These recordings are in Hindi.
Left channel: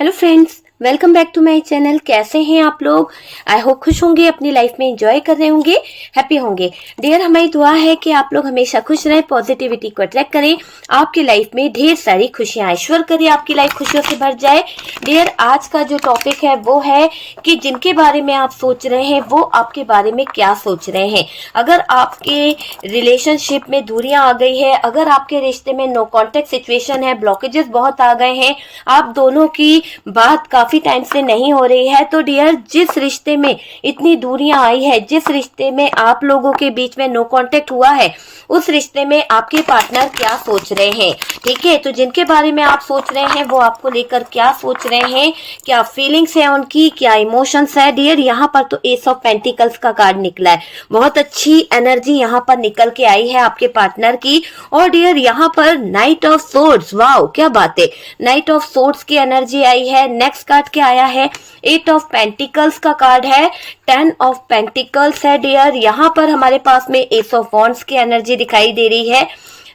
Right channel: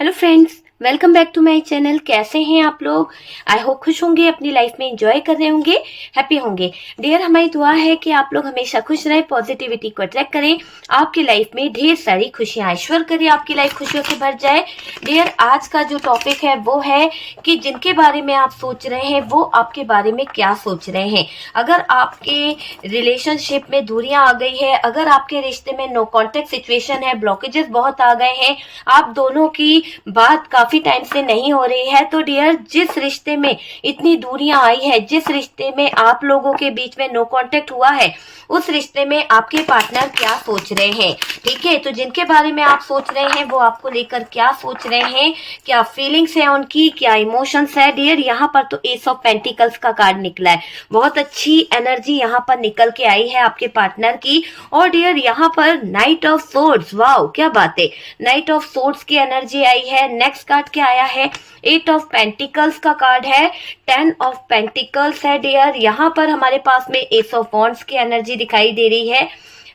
Hello friends, welcome back to my channel. कैसे हैं आप लोग? आई होप खुश होंगे, अपनी लाइफ में एंजॉय कर रहे होंगे, हैप्पी होंगे। डियर, हमारी दुआ है कि आप लोग हमेशा खुश रहें, पॉजिटिविटी को अट्रैक्ट करें, आपकी लाइफ में ढेर सारी खुशियां ईश्वर करे, आपकी लाइफ खुशियों से भर जाए। डियर, आज का जो टॉपिक है वो है कि जिनके बारे में आप सोच रहे हैं वो आपके बारे में क्या सोच रहे हैं। अगर आपके रिलेशनशिप में दूरियां आ गई है, अगर आपके रिश्ते में नो कॉन्टेक्ट सिचुएशन है, ब्लॉकेजेस बहुत आ गए हैं, आप दोनों की बात काफी टाइम से नहीं हो रही है, तो डियर, जिस रिश्ते में इतनी दूरियां आई है, जिस रिश्ते में आप लोगों के बीच में नो कांटेक्ट हुआ है, उस रिश्ते में आपके पार्टनर क्या सोच रहे हैं। ठीक है, तो जिनके बारे में आप सोच रहे हैं वो आपको लेकर क्या सोच रहे हैं, क्या फीलिंग्स है उनकी, क्या इमोशंस है। डियर, यहाँ पर तो एस ऑफ पेंटिकल्स का कार्ड निकला है, बहुत अच्छी एनर्जी यहाँ पर निकल के आई है आपके पार्टनर की। और डियर, यहाँ पर नाइट ऑफ सोर्ड्स, वाओ क्या बात है, नाइट ऑफ सोर्ड्स की एनर्जी आई है। नेक्स्ट कार्ड क्या आया है? एट ऑफ पेंटिकल्स का कार्ड है, 10 ऑफ पेंटिकल्स है। डियर, यहाँ पर हमारे पास में एस ऑफ वॉन्ड्स की एनर्जी दिखाई दे रही है,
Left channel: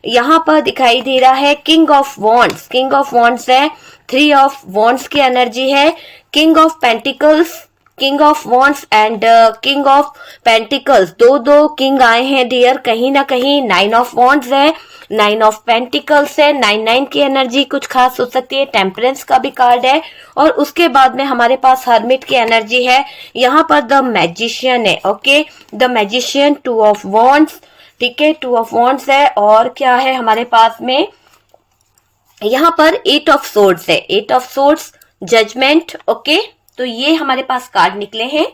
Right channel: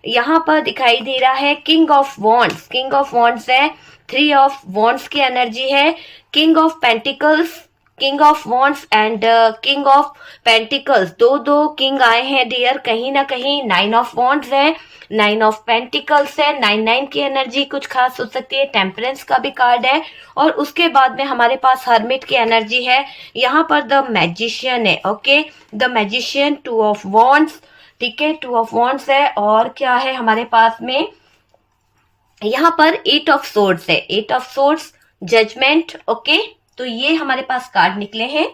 यहाँ पर दिखाई दे रहा है king of wands, king of wands है, 3 ऑफ वॉन्ड्स की एनर्जी है, king of pentacles, king of wands and king of pentacles, दो दो किंग आए हैं। डियर, कहीं ना कहीं 9 ऑफ वॉन्ड्स है, 9 ऑफ पेंटिकल्स है, 9 की एनर्जी कुछ खास हो सकती है। टेम्परेंस का भी कार्ड है और उसके बाद में हमारे पास हर्मिट की एनर्जी है। यहाँ पर द मैजिशियन है, okay, the magician, 2 of wands, ठीक है, 2 ऑफ वॉन्ड्स है। और क्या है हमारे पास में? यहाँ पर 8 ऑफ सोर्ड्स है, 8 ऑफ सोर्ड्स, जजमेंट, ओके। तो ये हमारे पास कार्ड निकले हैं।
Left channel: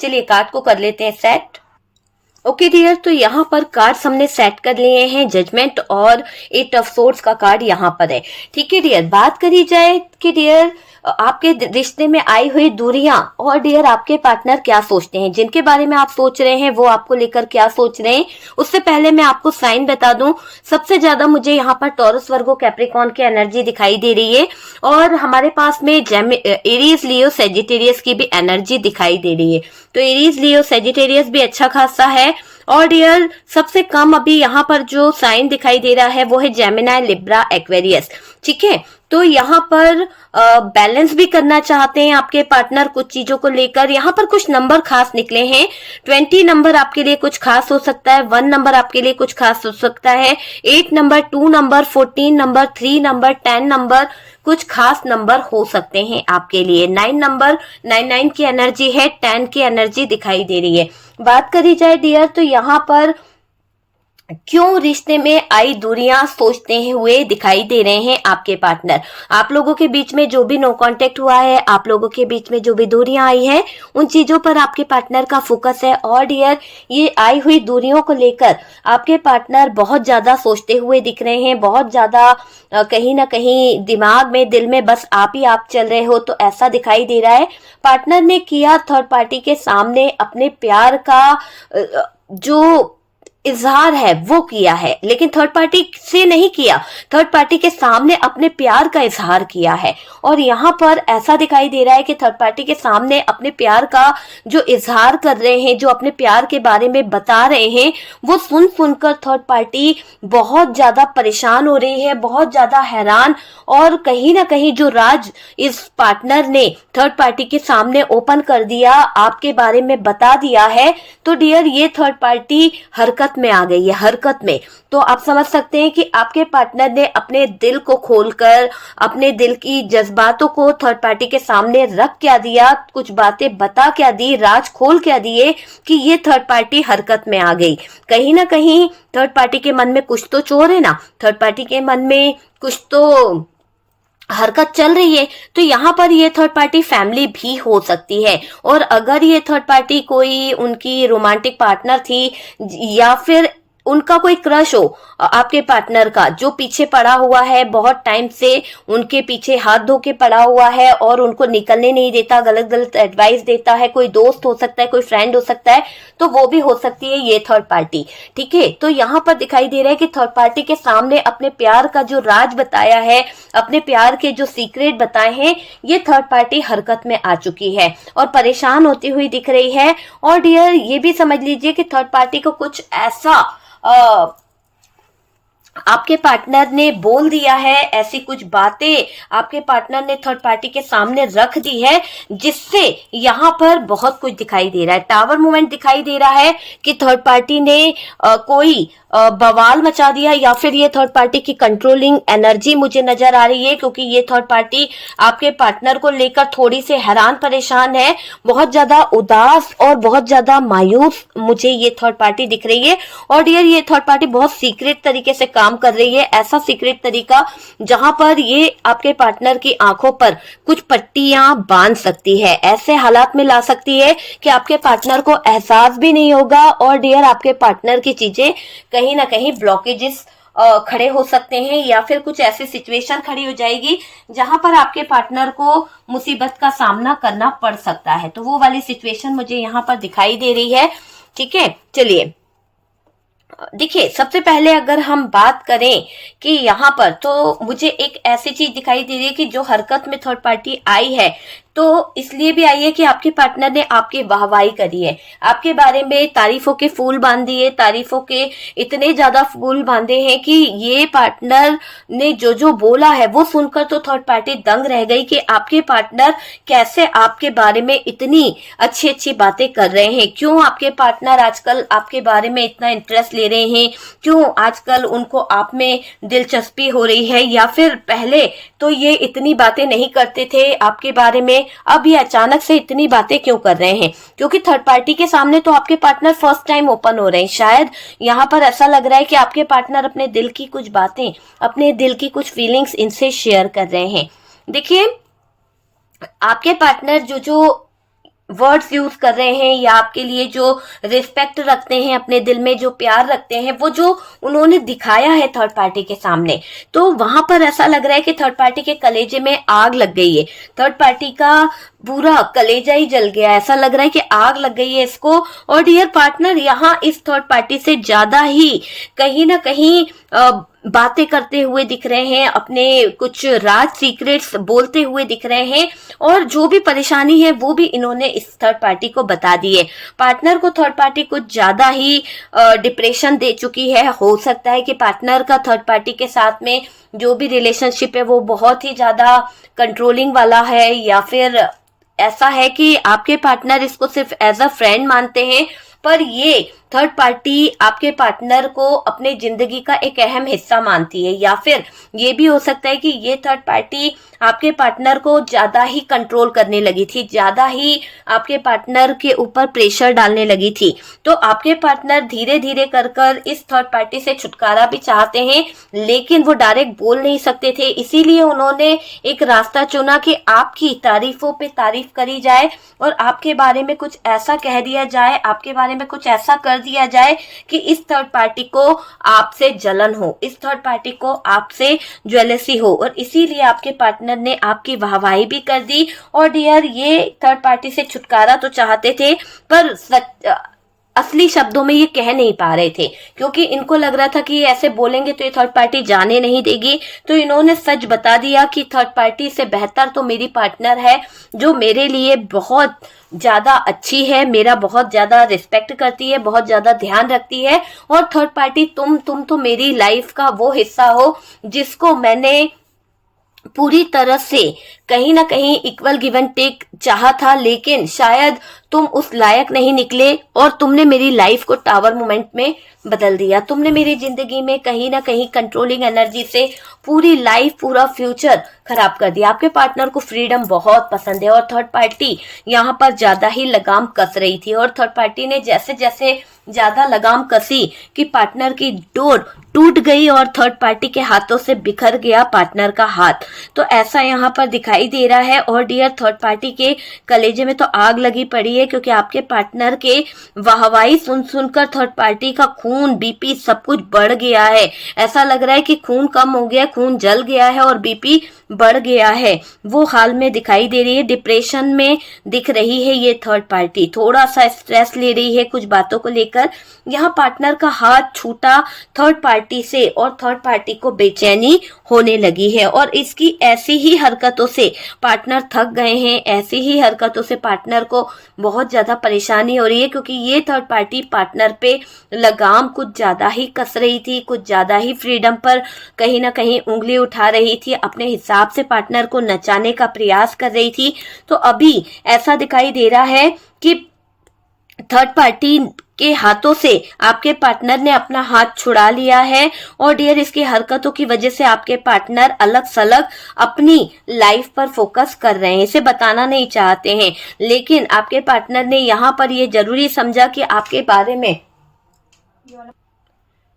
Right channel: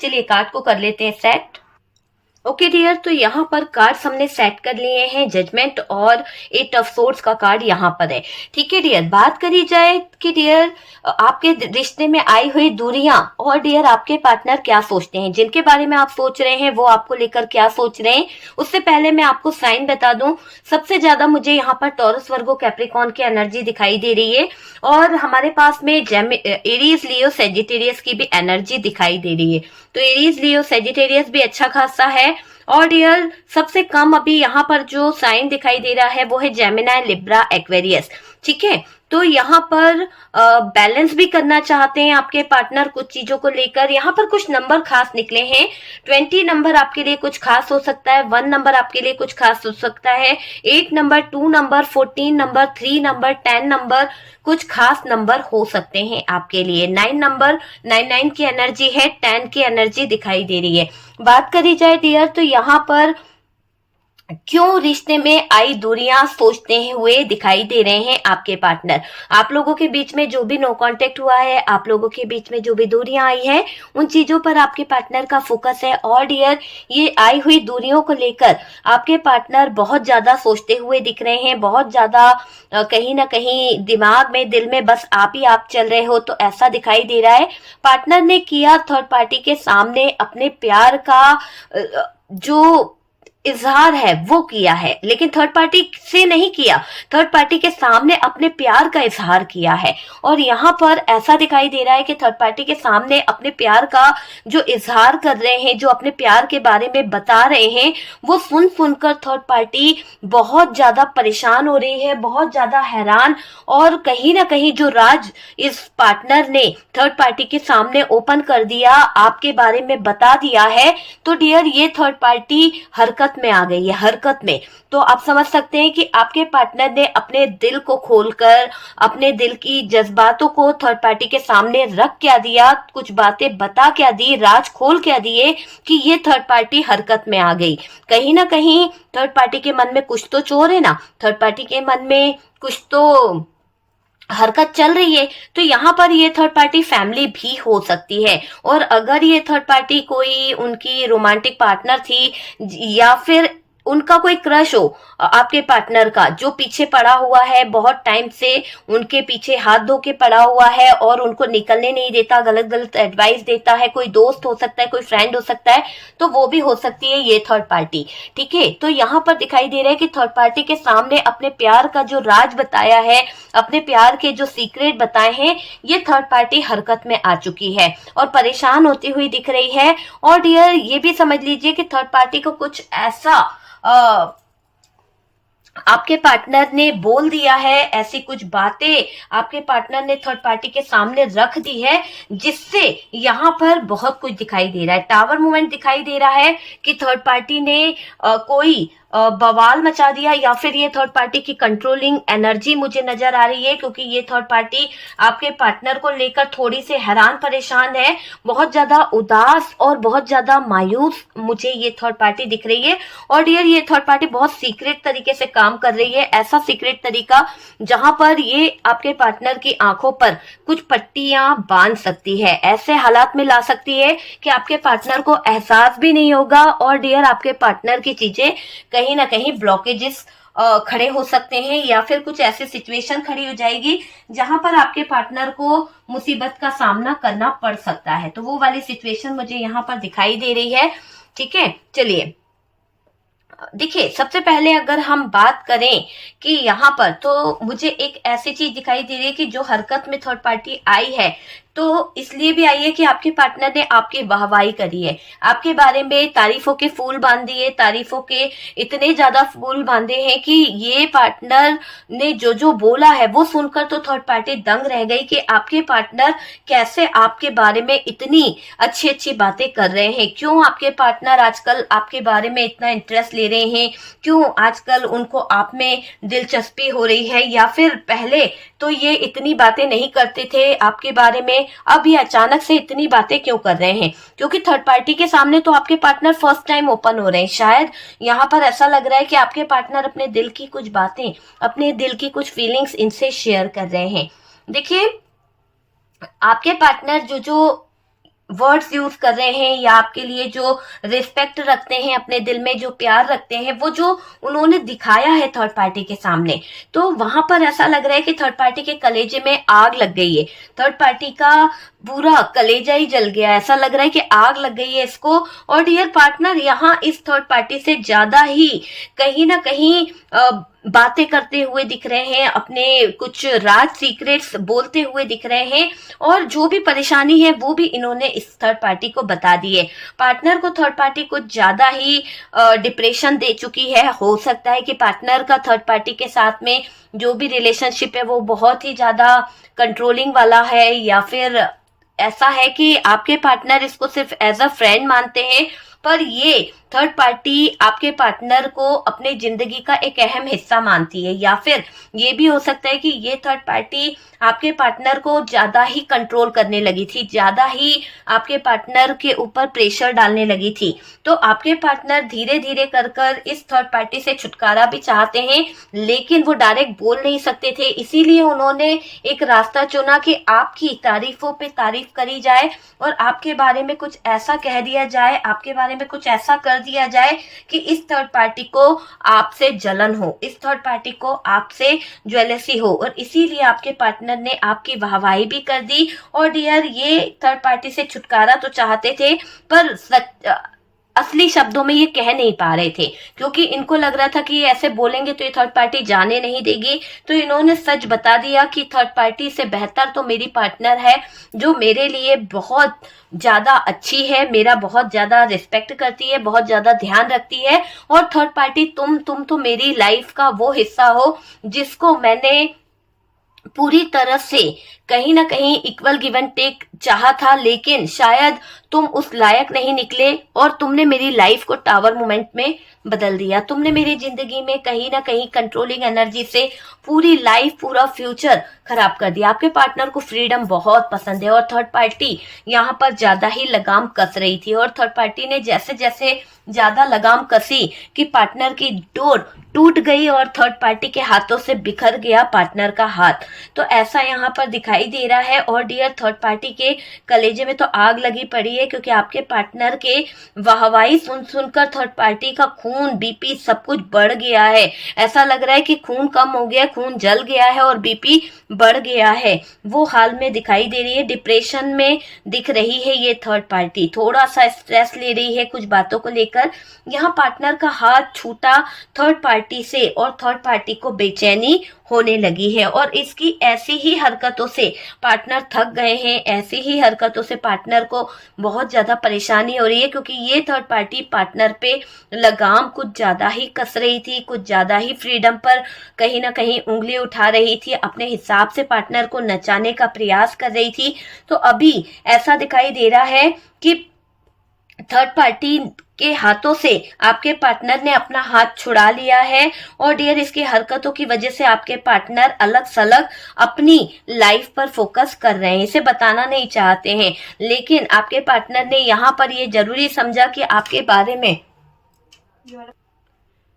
चलिए कार्ड को कर लेते हैं सेट। ओके डियर, तो यहाँ पर कार्ड्स हमने सेट कर लिए हैं, जजमेंट और 8 ऑफ सोर्ड्स का कार्ड यहाँ पर है। ठीक है डियर, बात करी जाए कि डियर आपके रिश्ते में आई हुई दूरियां और डियर आपके पार्टनर क्या सोचते हैं, जिनके बारे में आप सोच रहे हैं वो आपको लेकर क्या सोच रहे हैं। उससे पहले मैं आपको साइन बता दूं, सबसे ज्यादा मुझे यहाँ पर टॉरस, वर्गो, कैप्रिकॉर्न की एनर्जी दिखाई दे रही है और हमारे पास में एरीज, लियो, सेजिटेरियस की भी एनर्जी दिखाई दे रही है। तो एरीज, लियो, सेजिटेरियस भी अच्छा खासा है। और डियर, सबसे कम अभी यहाँ पर जो साइन दिखाई दे रहा है वो है जेमिनी, लिब्रा, एक्वेरियस। ठीक है, तो यहाँ पर बैलेंस भी करना चाहते हैं आपके पार्टनर कुछ चीजों को लेकर। यहाँ पर कुछ नंबर खास निकले हैं, 20 नंबर आपके लिए कुछ खास हो सकता है, 1 नंबर आपके लिए कुछ खास हो सकता है, 8 number, 2 number, 14 number, 3 number, 10 number कुछ खास नंबर हो सकते हैं आपके लिए। 9 नंबर, 9 की एनर्जी है, 10 की एनर्जी दिखाई दे रही है। बात करी जाए डियर, तो यहाँ पर क्यों रिश्ते में आई दूरियां सोचते हुए दिखाई दे रहे हैं आपके पार्टनर। आप लोगों के बीच में जो भी नो कांटेक्ट हुआ है, आप लोगों के बीच में जो भी दूरियां आई है, उन चीजों पर आपके पार्टनर का फोकस है। और डियर, ये आई हुई दूरियों को लेकर आपके पार्टनर बहुत ज्यादा सोचते हुए दिख रहे हैं, बहुत ज्यादा कहीं ना कहीं दिमाग में, दिल में बस आप ही आप चल रहे हो, तो ऐसा दिखाई दे रहा है। पार्टनर ने किया थर्ड पार्टी के सामने अपने प्यार का जो इजहार है वो किया है, लेकिन थर्ड पार्टी से नहीं किया, थर्ड पार्टी के सामने अपने प्यार का इजहार किया है। और यहाँ पर ऐसा दिखाई दे रहा है कि थर्ड पार्टी के सामने अपने प्यार का जो इजहार कर रहे हैं, जो अपने प्यार के बारे में बता रहे हैं, वो सुन सुनकर थर्ड पार्टी बहुत ज्यादा परेशान हो रही है, बहुत ज्यादा हैरान। और कहीं ना कहीं जो राज इस पार्टनर ने थर्ड पार्टी के सामने ओपन कर दिया, आपके बारे में बता दिया है, तो डियर ये थर्ड पार्टी हरकत में आ गई है, हरकत में। तो आप समझ सकते हैं कि आपके पार्टनर ने अपने दिल को खोलकर, अपने दिल की जज्बातों को थर्ड पार्टी के सामने रख क्या दिया, कुछ बातें बता क्या दी, राज खोल क्या दिए कि ये थर्ड पार्टी हरकत में आ गई। कहीं ना कहीं थर्ड पार्टी के मन में कुछ तो चोर है ना, थर्ड पार्टी के मन में कुछ तो हरकत चल रही है। तो यहाँ पर ये थर्ड पार्टी फैमिली भी हो सकती है। और अगर ये थर्ड पार्टी कोई उनकी रोमांटिक पार्टनर थी या फिर उनका कोई क्रश हो आपके पार्टनर का, जो पीछे पड़ा हुआ है, बहुत टाइम से उनके पीछे हाथ धो के पड़ा हुआ है और उनको निकलने नहीं देता, गलत गलत एडवाइस देता है, कोई दोस्त हो सकता है, कोई फ्रेंड हो सकता है, तो वो भी हो सकती है ये थर्ड पार्टी। ठीक है, तो यहाँ पर दिखाई दे रहा है कि थर्ड पार्टी के सामने अपने प्यार का जो राज बताया है, अपने प्यार के जो सीक्रेट बताए हैं, ये थर्ड पार्टी हरकत में आ चुकी है और परेशान होती हुई दिख रही है। और डियर, ये भी समझ लीजिए कि थर्ड पार्टी को कुछ ऐसा आपके पार्टनर ने बोल दिया है, ऐसी कुछ बातें आपके पार्टनर ने थर्ड पार्टी के सामने रख दी है, जिससे यहाँ पर बहुत कुछ दिखाई दे रहा है। टावर मूवमेंट दिखाई दे रहा है कि थर्ड पार्टी ने कोई बवाल मचा दिया, या फिर ये थर्ड पार्टी की कंट्रोलिंग एनर्जी मुझे नजर आ रही है, क्योंकि ये थर्ड पार्टी आपके पार्टनर को लेकर थोड़ी सी हैरान परेशान है, बहुत ज्यादा उदास और बहुत ज्यादा मायूस मुझे ये थर्ड पार्टी दिख रही है। और डियर, ये थर्ड पार्टी बहुत सीक्रेट तरीके से काम कर रही है, ऐसा सीक्रेट तरीका जहां पर ये आपके पार्टनर की आंखों पर कुछ पट्टियां बांध सकती है, ऐसे हालात में ला सकती है कि आपके पार्टनर को एहसास भी नहीं होगा। और डियर, आपके पार्टनर की चीजें कहीं ना कहीं ब्लॉकेजेस खड़े हो सकते हैं, या फिर कुछ ऐसी सिचुएशन खड़ी हो जाएगी जहां पर आपके पार्टनर को मुसीबत का सामना करना पड़ सकता है। तो वो वाली सिचुएशन मुझे यहाँ पर दिखाई दे रही है। ठीक है, चलिए देखिए, सबसे पहले अगर हम बात करें कि यहाँ पर, तो मुझे एक ऐसी चीज दिखाई दे रही है कि जो हरकत में थर्ड पार्टी आई है, तो इसलिए भी आई है कि आपके पार्टनर ने आपकी वाहवाही करी है, आपके बारे में तारीफों के फूल बांध दिए, तारीफों के इतने ज्यादा फूल बांधे हैं कि ये पार्टनर ने जो जो बोला है वो सुनकर तो थर्ड पार्टी दंग रह गई कि आपके पार्टनर कैसे आपके बारे में इतनी अच्छी अच्छी बातें कर रहे हैं, क्यों आपके पार्टनर आजकल आपके बारे में इतना इंटरेस्ट ले रहे हैं, क्यों आजकल उनको आप में दिलचस्पी हो रही है, या फिर पहले तो ये इतनी बातें नहीं करते थे आपके बारे में, अब ये अचानक से इतनी बातें क्यों कर रहे हैं। क्योंकि थर्ड पार्टी के सामने तो आपके पार्टनर फर्स्ट टाइम ओपन हो रहे हैं। शायद यहाँ पर ऐसा लग रहा है कि आपके पार्टनर अपने दिल की कुछ बातें, अपने दिल की कुछ फीलिंग्स इनसे शेयर कर रहे हैं। देखिए, आपके पार्टनर जो जो वर्ड्स यूज कर रहे हैं, या आपके लिए जो रिस्पेक्ट रखते हैं, अपने दिल में जो प्यार रखते हैं, वो जो उन्होंने दिखाया है थर्ड पार्टी के सामने, तो वहां पर ऐसा लग रहा है कि थर्ड पार्टी के कलेजे में आग लग गई है, थर्ड पार्टी का पूरा कलेजा ही जल गया, ऐसा लग रहा है कि आग लग गई है इसको। और डियर पार्टनर यहाँ इस थर्ड पार्टी से ज्यादा ही कहीं ना कहीं बातें करते हुए दिख रहे हैं, अपने कुछ राज सीक्रेट्स बोलते हुए दिख रहे हैं, और जो भी परेशानी है वो भी इन्होंने इस थर्ड पार्टी को बता दी है। पार्टनर को थर्ड पार्टी कुछ ज्यादा ही डिप्रेशन दे चुकी है। हो सकता है कि पार्टनर का थर्ड पार्टी के साथ में जो भी रिलेशनशिप है वो बहुत ही ज्यादा कंट्रोलिंग वाला है, या फिर ऐसा है कि आपके पार्टनर इसको सिर्फ एज अ फ्रेंड मानते हैं, पर ये थर्ड पार्टी आपके पार्टनर को अपने जिंदगी का एक अहम हिस्सा मानती है, या फिर ये भी हो सकता है कि ये थर्ड पार्टी आपके पार्टनर को ज्यादा ही कंट्रोल करने लगी थी, ज्यादा ही आपके पार्टनर के ऊपर प्रेशर डालने लगी थी। तो आपके पार्टनर धीरे धीरे कर कर इस थर्ड पार्टी से छुटकारा भी चाहते हैं, लेकिन वो डायरेक्ट बोल नहीं सकते थे, इसीलिए उन्होंने एक रास्ता चुना कि आपकी तारीफों पे तारीफ करी जाए, और आपके बारे में कुछ ऐसा कह दिया जाए, आपके बारे में कुछ ऐसा कर दिया जाए कि इस थर्ड पार्टी को आपसे जलन हो, इस थर्ड पार्टी को आपसे ज्वेलसी हो, और इसीलिए आपके पार्टनर ने आपकी वाहवाही भी कर दी। और डियर, ये थर्ड पार्टी से छुटकारा तो चाहते थे, पर असली शब्दों में ये कह नहीं पा रहे थे, क्योंकि इनको लग रहा था कि ये ऐसे बोलेंगे तो ये थर्ड पार्टी जाने नहीं देगी। तो इन्होंने सच बता दिया कि थर्ड पार्टी से बेहतर तो मेरी पार्टनर है, जो मेरे लिए बहुत ज्यादा अच्छी है, मेरा बहुत ज्यादा रिस्पेक्ट करती है, बहुत ज्यादा ध्यान रखती है। और थर्ड पार्टी तुम तो मेरी लाइफ का वो हिस्सा हो जिसको मैंने पूरी तरह से कहीं ना कहीं इक्वल गिव एंड टेक चाहा था, लेकिन शायद तुम उस लायक नहीं निकले, और तुमने मेरी लाइफ को टावर मोमेंट में बदल दिया। तुमने मेरी जिंदगी में कहीं ना कहीं कंट्रोलिंग एनर्जी से पूरी लाइफ, पूरा फ्यूचर खराब कर दिया। आपके पार्टनर को फ्रीडम बहुत पसंद है, और थर्ड पार्टी यहाँ पर ज्यादा ही लगाम कस रही थी, और थर्ड पार्टी ने जैसे जैसे ज्यादा लगाम कसी कि पार्टनर की डोर टूट गई, और थर्ड पार्टी के हाथों से बिखर गया पार्टनर का हाथ। तो ऐसा यहाँ पर दिखाई दे रहा है। और डियर, थर्ड पार्टी के कलेजे में तो आग लगी पड़ी है, क्योंकि आपके पार्टनर के वाहवाही सुन सुनकर थर्ड पार्टी का खून, बीपी सब कुछ बढ़ गया है। ऐसा लग रहा है कि खून कम हो गया, खून जल गया है और बीपी बढ़ गया है, वो हाल में दिखाई दे रही है। डिप्रेशन में दिख रही है ये थर्ड पार्टी, थोड़ा सा स्ट्रेस ले रही है कुछ बातों को लेकर, लेकर यहाँ पार्टनर का हाथ छूटा थर्ड पार्टी से और थर्ड पार्टी को बेचैनी होने लगी है। और इसकी ऐसी ही हरकतों से पार्टनर थक गए हैं, ऐसी ही हरकतों से पार्टनर को बहुत ज्यादा परेशानी हो रही है, क्योंकि ये थर्ड पार्टी पार्टनर पे लगाम कुछ ज्यादा ही कस रही थी, कुछ ज्यादा ही फ्रीडम पर कहीं ना कहीं उंगली उठा रही थी, अपने हिसाब से पार्टनर को नचाने का प्रयास कर रही थी। तो अभी ऐसा दिखाई दे रहा है कि थर्ड पार्टी के हाथों से आपके पार्टनर ने अपना हाथ छुड़ा लिया है। और डियर, इसकी हरकतों की वजह से आपके पार्टनर अलग सलग अपनी लाइफ पर फोकस कर रहे हैं, इसे बताना नहीं चाहते हैं, लेकिन आपके पार्टनर ने यहाँ पर ये जरूरी समझा कि आपके बारे में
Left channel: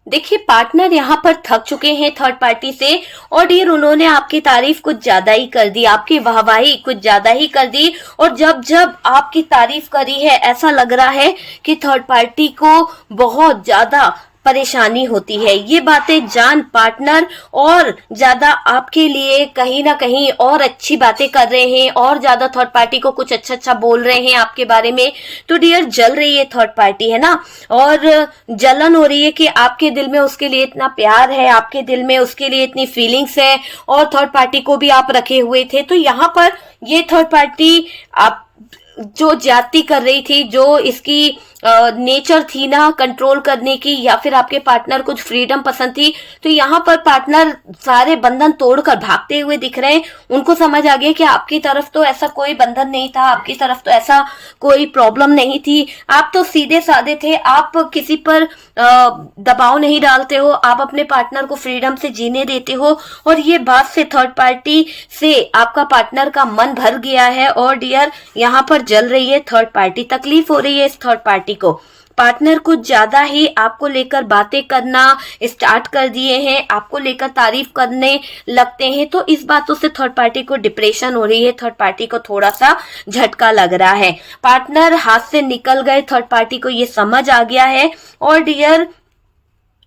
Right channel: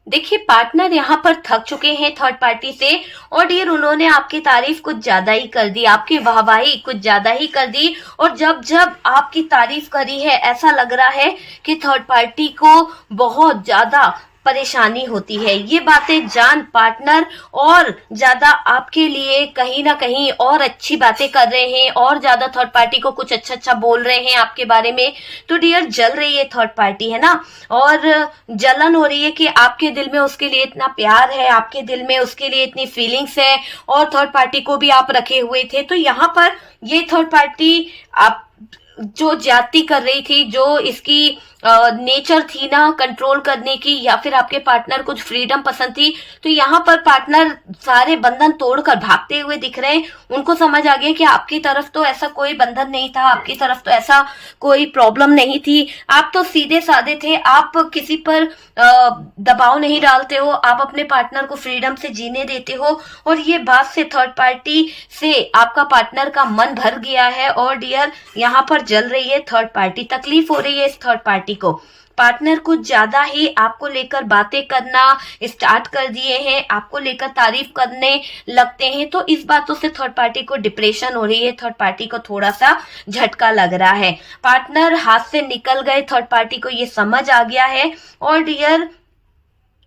देखिए पार्टनर यहाँ पर थक चुके हैं थर्ड पार्टी से। और डियर, उन्होंने आपकी तारीफ कुछ ज्यादा ही कर दी, आपकी वाहवाही कुछ ज्यादा ही कर दी। और जब जब आपकी तारीफ करी है, ऐसा लग रहा है कि थर्ड पार्टी को बहुत ज्यादा परेशानी होती है। ये बातें जान पार्टनर और ज्यादा आपके लिए कहीं ना कहीं और अच्छी बातें कर रहे हैं, और ज्यादा थर्ड पार्टी को कुछ अच्छा अच्छा बोल रहे हैं आपके बारे में। तो डियर, जल रही है थर्ड पार्टी, है ना, और जलन हो रही है कि आपके दिल में उसके लिए इतना प्यार है, आपके दिल में उसके लिए इतनी फीलिंग्स है, और थर्ड पार्टी को भी आप रखे हुए थे। तो यहाँ पर ये थर्ड पार्टी आप जो ज्यादती कर रही थी, जो इसकी नेचर थी ना कंट्रोल करने की, या फिर आपके पार्टनर कुछ फ्रीडम पसंद थी, तो यहाँ पर पार्टनर सारे बंधन तोड़कर भागते हुए दिख रहे हैं। उनको समझ आ गया कि आपकी तरफ तो ऐसा कोई बंधन नहीं था, आपकी तरफ तो ऐसा कोई प्रॉब्लम नहीं थी, आप तो सीधे साधे थे, आप किसी पर दबाव नहीं डालते हो, आप अपने पार्टनर को फ्रीडम से जीने देते हो। और ये बात से थर्ड पार्टी से आपका पार्टनर का मन भर गया है। और डियर, यहाँ पर जल रही है थर्ड पार्टी, तकलीफ हो रही है इस थर्ड पार्टी को। पार्टनर कुछ ज्यादा ही आपको लेकर बातें करना स्टार्ट कर दिए हैं, आपको लेकर तारीफ करने लगते हैं। तो इस बातों से थर्ड पार्टी को डिप्रेशन हो रही है, थर्ड पार्टी को थोड़ा सा झटका लग रहा है। पार्टनर हाथ से निकल गए, थर्ड पार्टी को ये समझ आ गया है। और डियर,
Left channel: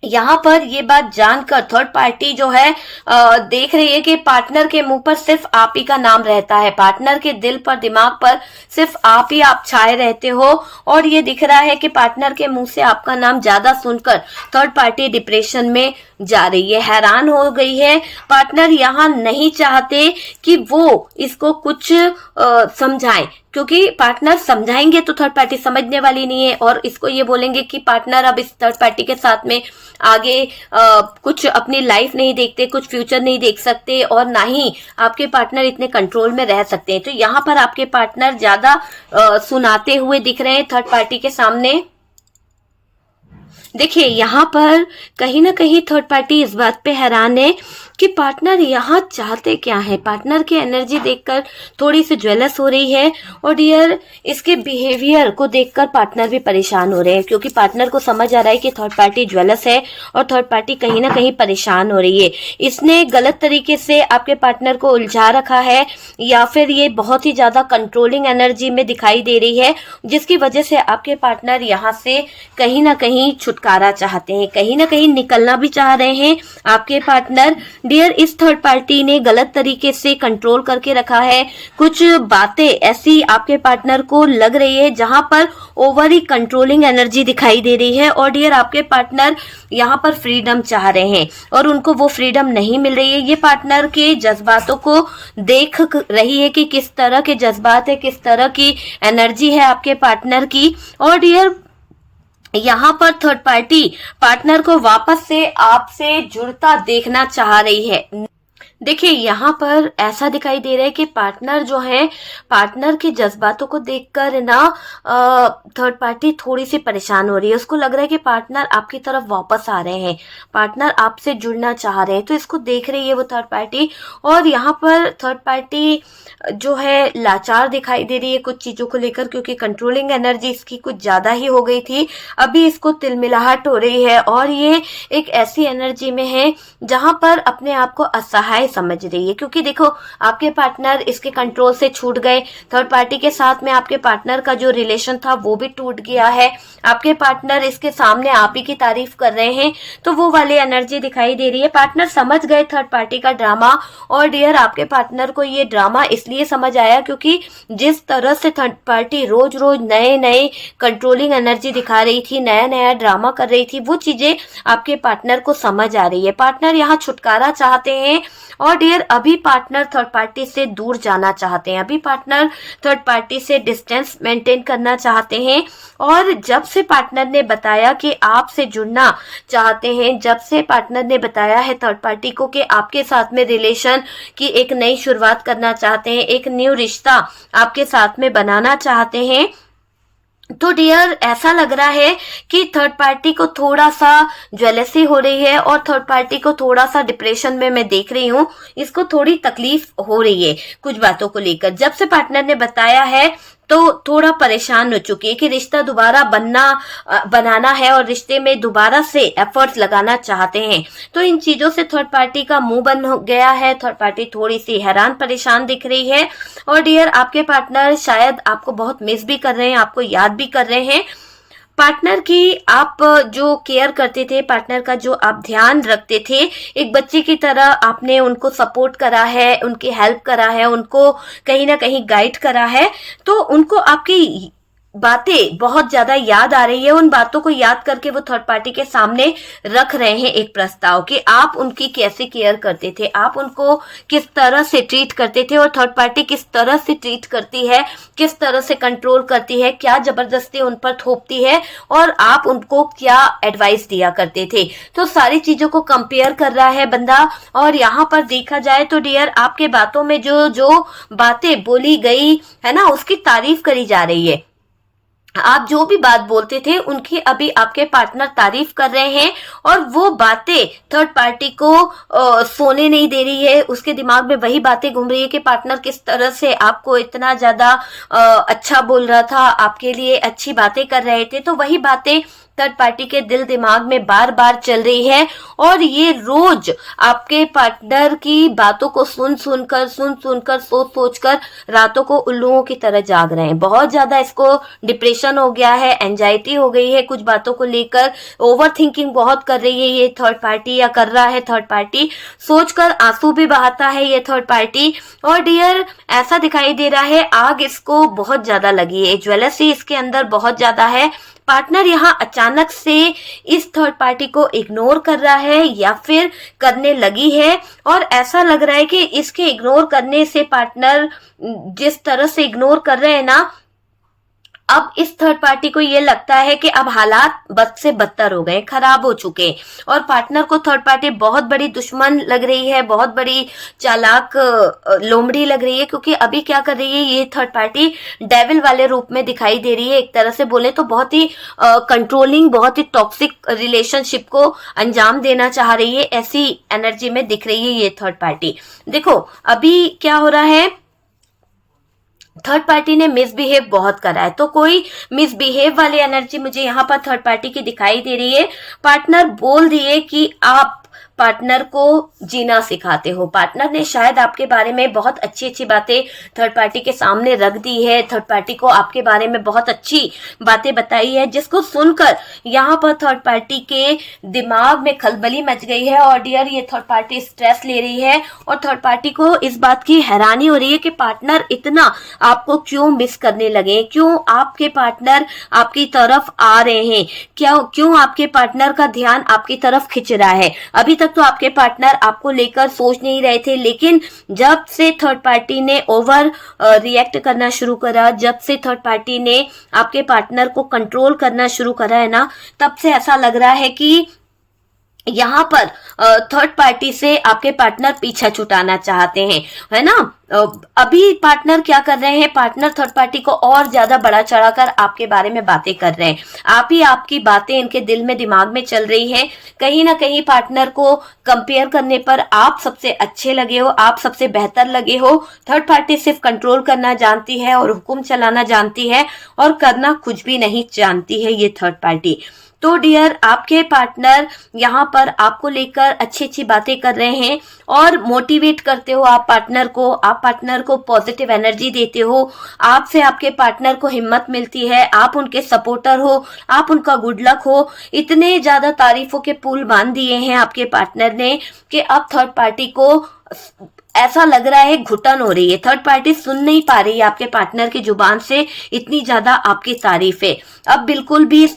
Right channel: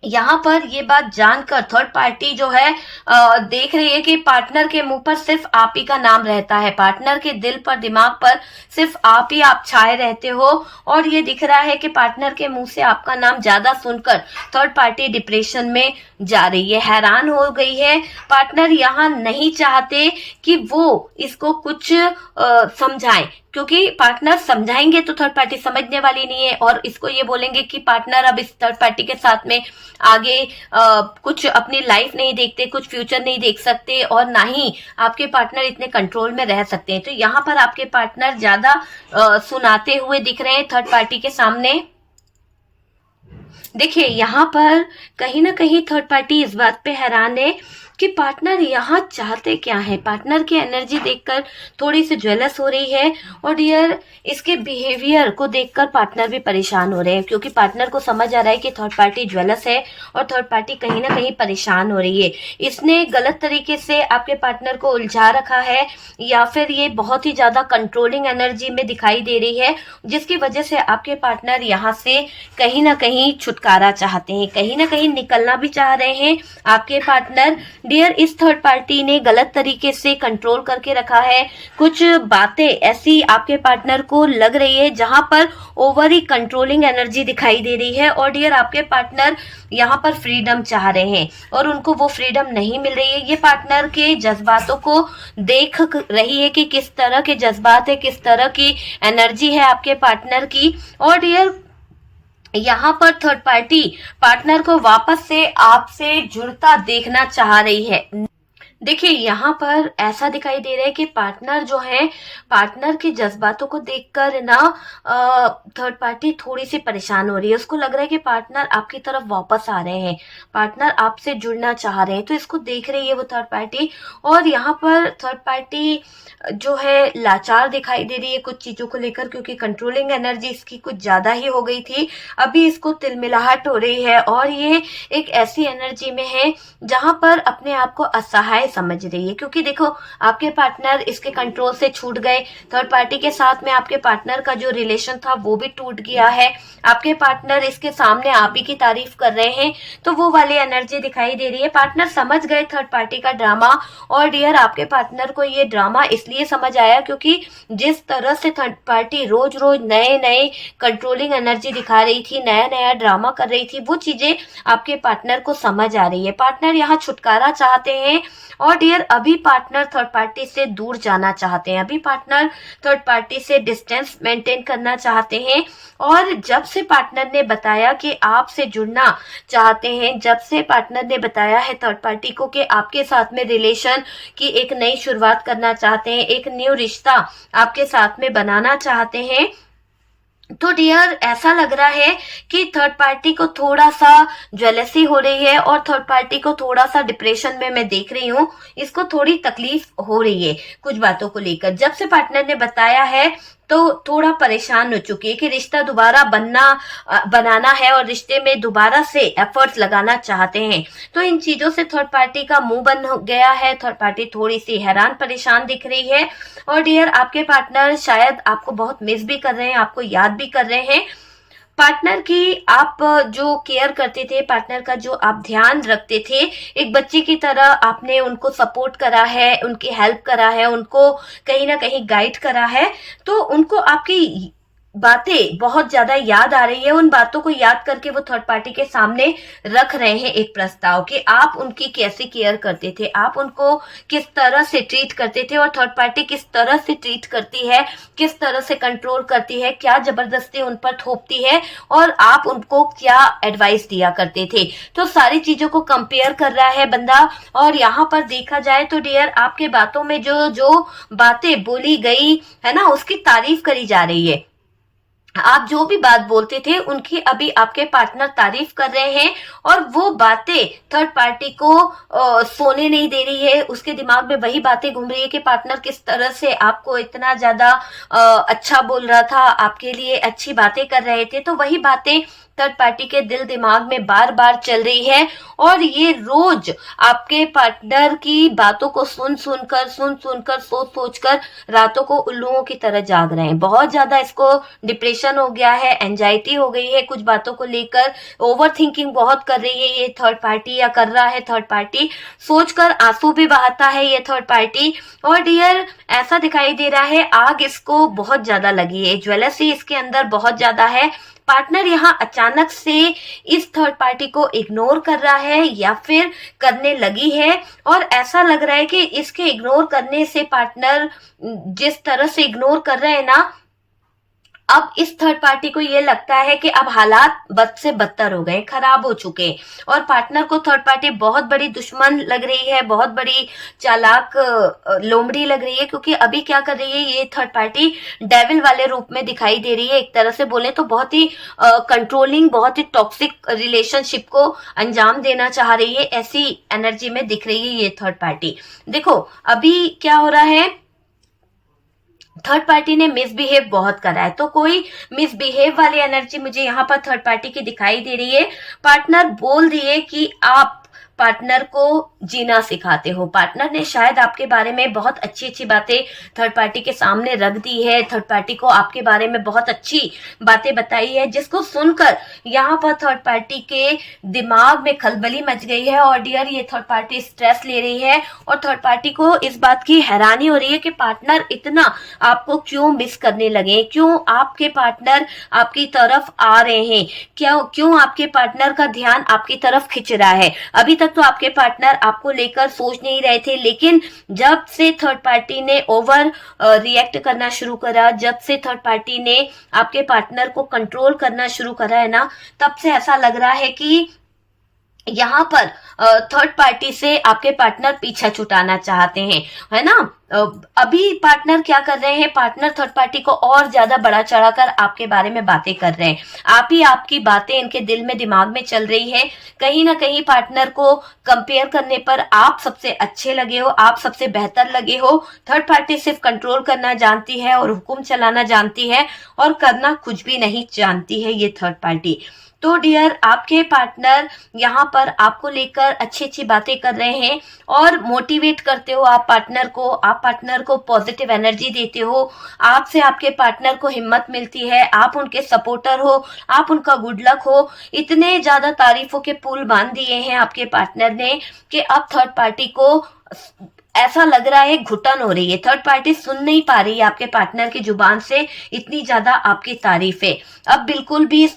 यहाँ पर ये बात जानकर थर्ड पार्टी जो है देख रही है कि पार्टनर के मुंह पर सिर्फ आप ही का नाम रहता है, पार्टनर के दिल पर दिमाग पर सिर्फ आप ही आप छाए रहते हो। और ये दिख रहा है कि पार्टनर के मुंह से आपका नाम ज्यादा सुनकर थर्ड पार्टी डिप्रेशन में जा रही है, हैरान हो गई है। पार्टनर यहाँ नहीं चाहते कि वो इसको कुछ समझाएं, क्योंकि पार्टनर समझाएंगे तो थर्ड पार्टी समझने वाली नहीं है, और इसको ये बोलेंगे कि पार्टनर अब इस थर्ड पार्टी के साथ में आगे कुछ अपनी लाइफ नहीं देखते, कुछ फ्यूचर नहीं देख सकते, और ना ही आपके पार्टनर इतने कंट्रोल में रह सकते हैं। तो यहाँ पर आपके पार्टनर ज्यादा सुनाते हुए दिख रहे हैं थर्ड पार्टी के सामने। देखिए यहाँ पर कहीं ना कहीं थर्ड पार्टी इस बात पे हैरान है कि पार्टनर यहाँ चाहते क्या है। पार्टनर की एनर्जी देखकर थोड़ी सी ज्वेलस हो रही है। और डियर, इसके बिहेवियर को देखकर पार्टनर भी परेशान हो रहे हैं, क्योंकि पार्टनर को समझ आ रहा है कि थर्ड पार्टी ज्वेलस है और थर्ड पार्टी कहीं ना कहीं परेशान हो रही है। इसने गलत तरीके से आपके पार्टनर को उलझा रखा है, या फिर ये बहुत ही ज्यादा कंट्रोलिंग एनर्जी में दिखाई दे रही है, जिसकी वजह से आपके पार्टनर यहाँ से कहीं ना कहीं छुटकारा चाहते हैं, कहीं ना कहीं निकलना भी चाह रहे हैं आपके पार्टनर। डियर, इस थर्ड पार्टी ने गलत तरीके से कंट्रोल करके रखा है। कुछ बातें ऐसी आपके पार्टनर को लग रही है जहां पर ओवर ही कंट्रोलिंग एनर्जी दिखाई दे रही है। और डियर, आपके पार्टनर यहाँ पर फ्रीडम चाह रहे हैं और उनको वो फ्रीडम नहीं मिल रही है। ये पार्टनर के जज्बातों को देख रही है कि किस तरह के जज्बात है, किस तरह की एनर्जी है आपके पार्टनर की। और डियर, यहाँ पर थर्ड पार्टी पार्टनर को वापस से आपसे जुड़ता देखना चाह रही है। देखिए यहाँ पर ऐसा दिखाई दे रहा है कि पार्टनर जो है, पार्टनर के जज्बातों को देखकर ना थर्ड पार्टी थोड़ी सी परेशान हो रही है। उसको लग रहा है कि पार्टनर आपकी तरफ वापस आ रहे हैं, पार्टनर आपसे जुड़ना चाह रहे हैं, तो इसको देख रही है वो थर्ड पार्टी। और यहाँ पर थर्ड पार्टी जो है लाचार दिखाई दे रही है कुछ चीजों को लेकर, क्योंकि कंट्रोलिंग एनर्जी इसकी कुछ ज्यादा ही हो गई थी। अभी इसको तिलमिलाहट हो रही है और ये एक ऐसी एनर्जी में है जहां पर अपने आप को असहाय उपाय समझ रही है, क्योंकि देखो आपके पार्टनर इसके कंट्रोल से छूट गए, थर्ड पार्टी के साथ में आपके पार्टनर का जो रिलेशन था वो भी टूट गया है, आपके पार्टनर इसके सामने आप ही की तारीफ कर रहे हैं, तो वो वाली एनर्जी दिखाई दे रही है। पार्टनर समझ गए थर्ड पार्टी का ड्रामा, और डियर आपके पार्टनर को ये ड्रामा इसलिए समझ आया क्योंकि जिस तरह से थर्ड पार्टी रोज रोज नए नए कंट्रोलिंग एनर्जी दिखा रही थी, नया नया ड्रामा कर रही थी, वो चीजें आपके पार्टनर को समझ आ रही है। पार्टनर यहाँ छुटकारा चाहते हैं, और डियर अभी पार्टनर थर्ड पार्टी से दूर जाना चाहते हैं, अभी पार्टनर थर्ड पार्टी से डिस्टेंस मेंटेन करना चाहते हैं। और जब से पार्टनर ने बताया कि आपसे जुड़ना चाहते हैं, जब से पार्टनर ने बताया है थर्ड पार्टी को कि आपके साथ में रिलेशन की एक नई शुरुआत करना चाहते हैं, एक न्यू रिश्ता आपके साथ में बनाना चाहते हैं, तो डियर ऐसा लग रहा है कि थर्ड पार्टी को थोड़ा सा ज्वेलसी हो रही है, और थर्ड पार्टी को थोड़ा सा डिप्रेशन में मैं देख रही हूँ, इसको थोड़ी तकलीफ हो रही है कुछ बातों को लेकर। जब से पार्टनर ने बताया है तो थोड़ा परेशान हो चुकी है कि रिश्ता दोबारा बनाना है, और रिश्ते में दोबारा से एफर्ट्स लगाना चाहते हैं। तो इन चीजों से थर्ड पार्टी का मुंह बंद हो गया है, थर्ड पार्टी थोड़ी सी हैरान परेशान दिख रही है। और डियर आपके पार्टनर शायद आपको बहुत मिस भी कर रहे हैं, आपको याद भी कर रहे हैं। पार्टनर की आप जो केयर करते थे, पार्टनर का जो आप ध्यान रखते थे, एक बच्चे की तरह आपने उनको सपोर्ट करा है, उनकी हेल्प करा है, उनको कहीं ना कहीं गाइड करा है, तो उनको आपकी बातें बहुत ज्यादा याद आ रही है। उन बातों को याद करके वो थर्ड पार्टी के सामने रख रहे हैं एक प्रस्ताव कि आप उनकी कैसे केयर करते थे, आप उनको किस तरह से ट्रीट करते थे, और थर्ड पार्टी किस तरह से ट्रीट करती है, किस तरह से कंट्रोल करती है, क्या जबरदस्ती उन पर थोपती है, और आप उनको क्या एडवाइस दिया करते थे। तो सारी चीजों को कंपेयर कर रहा है बंदा। और यहाँ पर देखा जाए तो डियर आपके बातों में जो जो बातें बोली गई है ना, उसकी तारीफ करी जा रही है। आप जो भी बात बोलते थे उनकी अभी आपके पार्टनर तारीफ कर रहे हैं, और वो बातें थर्ड पार्टी को सोने नहीं दे रही है। उसके दिमाग में वही बातें घूम रही है कि पार्टनर किस तरह से आपको इतना ज्यादा अच्छा बोल रहा था, आपके लिए अच्छी बातें कर रहे थे, तो वही बातें थर्ड पार्टी के दिल दिमाग में बार बार चल रही है। और ये रोज आपके पार्टनर की बातों को सुन सुनकर सोच सोच कर रातों को उल्लुओं की तरह जाग रहे हैं। बहुत ज्यादा इसको डिप्रेशन हो गया है, एंजाइटी हो गई है, कुछ बातों को लेकर ओवर थिंकिंग बहुत कर रही है ये थर्ड पार्टी, या कर रहा है थर्ड पार्टी। सोचकर आंसू भी बहाता है ये थर्ड पार्टी। और डियर ऐसा दिखाई दे रहा है आग इसको बहुत ज्यादा लगी है, ज्वेलसी इसके अंदर बहुत ज्यादा है। पार्टनर यहाँ अचानक से इस थर्ड पार्टी को इग्नोर कर रहा है या फिर करने लगी है, और ऐसा लग रहा है कि इसके इग्नोर करने से पार्टनर जिस तरह से इग्नोर कर रहे हैं ना, अब इस थर्ड पार्टी को ये लगता है कि अब हालात बद से बदतर हो गए, खराब हो चुके, और पार्टनर को थर्ड पार्टी बहुत बड़ी दुश्मन लग रही है, बहुत बड़ी चालाक लोमड़ी लग रही है। क्योंकि अभी क्या कर रही है ये थर्ड पार्टी, डेविल वाले रूप में दिखाई दे रही है। एक तरह से बोले तो बहुत ही कंट्रोलिंग, बहुत ही टॉक्सिक रिलेशनशिप को अंजाम देना चाह रही है, ऐसी एनर्जी में दिख रही है ये थर्ड पार्टी। देखो अभी क्या हो रहा है, थर्ड पार्टी ने मिसबिहेव बहुत करा है, तो कोई मिसबिहेव वाली एनर्जी मुझे यहाँ पर थर्ड पार्टी की दिखाई दे रही है। पार्टनर बोल दिए कि आप पार्टनर को जीना सिखाते हो। पार्टनर ने शायद आपके बारे में बहुत अच्छी अच्छी बातें थर्ड पार्टी के सामने रख दी है, थर्ड पार्टी को आपके बारे में बहुत अच्छी बातें बताई है, जिसको सुनकर यहाँ पर थर्ड पार्टी के दिमाग में खलबली मच गई है। और डियर ये थर्ड पार्टी स्ट्रेस ले रही है, और थर्ड पार्टी को इस बात की हैरानी हो रही है कि पार्टनर इतना आपको क्यों मिस करने लगे, क्यों आपके पार्टनर आपकी तरफ आ रहे हैं, क्यों आपके पार्टनर का ध्यान आपकी तरफ खिंच रहा है। अभी तक तो आपके पार्टनर आपको लेकर सोच नहीं रहे थे, लेकिन जब से थर्ड पार्टी ने ओवर रिएक्ट करना शुरू करा, जब से थर्ड पार्टी ने आपके पार्टनर को कंट्रोल करना शुरू करा है ना, तब से ऐसा लग रहा है कि यहाँ पर थर्ड पार्टी से आपके पार्टनर पीछा छुटाना चाहते हैं, है ना। अभी पार्टनर क्या कर रहे हैं, पार्टनर थर्ड पार्टी को और ज्यादा बढ़ा चढ़ाकर आपके बारे में बातें कर रहे हैं। आप ही आपकी बातें इनके दिल में दिमाग में चल रही है। कहीं ना कहीं पार्टनर को कंपेयर करने पर आप सबसे अच्छे लगे हो, आप सबसे बेहतर लगे हो। थर्ड पार्टी सिर्फ कंट्रोल करना जानती है और हुक्म चलाना जानती है, और करना कुछ भी नहीं जानती है ये थर्ड पार्टी। तो डियर आपके पार्टनर यहाँ पर आपको लेकर अच्छी अच्छी बातें कर रहे हैं और मोटिवेट करते हो आप पार्टनर को पॉजिटिव एनर्जी देते हो, आपसे आपके पार्टनर को हिम्मत मिलती है, आप उनके सपोर्टर हो, आप उनका गुड लक हो। इतने ज्यादा तारीफों के पुल बांध दिए हैं आपके पार्टनर ने कि अब थर्ड पार्टी को ऐसा लग रहा है घुटन हो रही है, थर्ड पार्टी सुन नहीं पा रही है आपके पार्टनर की जुबान से, इतनी ज्यादा आपकी तारीफ है। अब बिल्कुल भी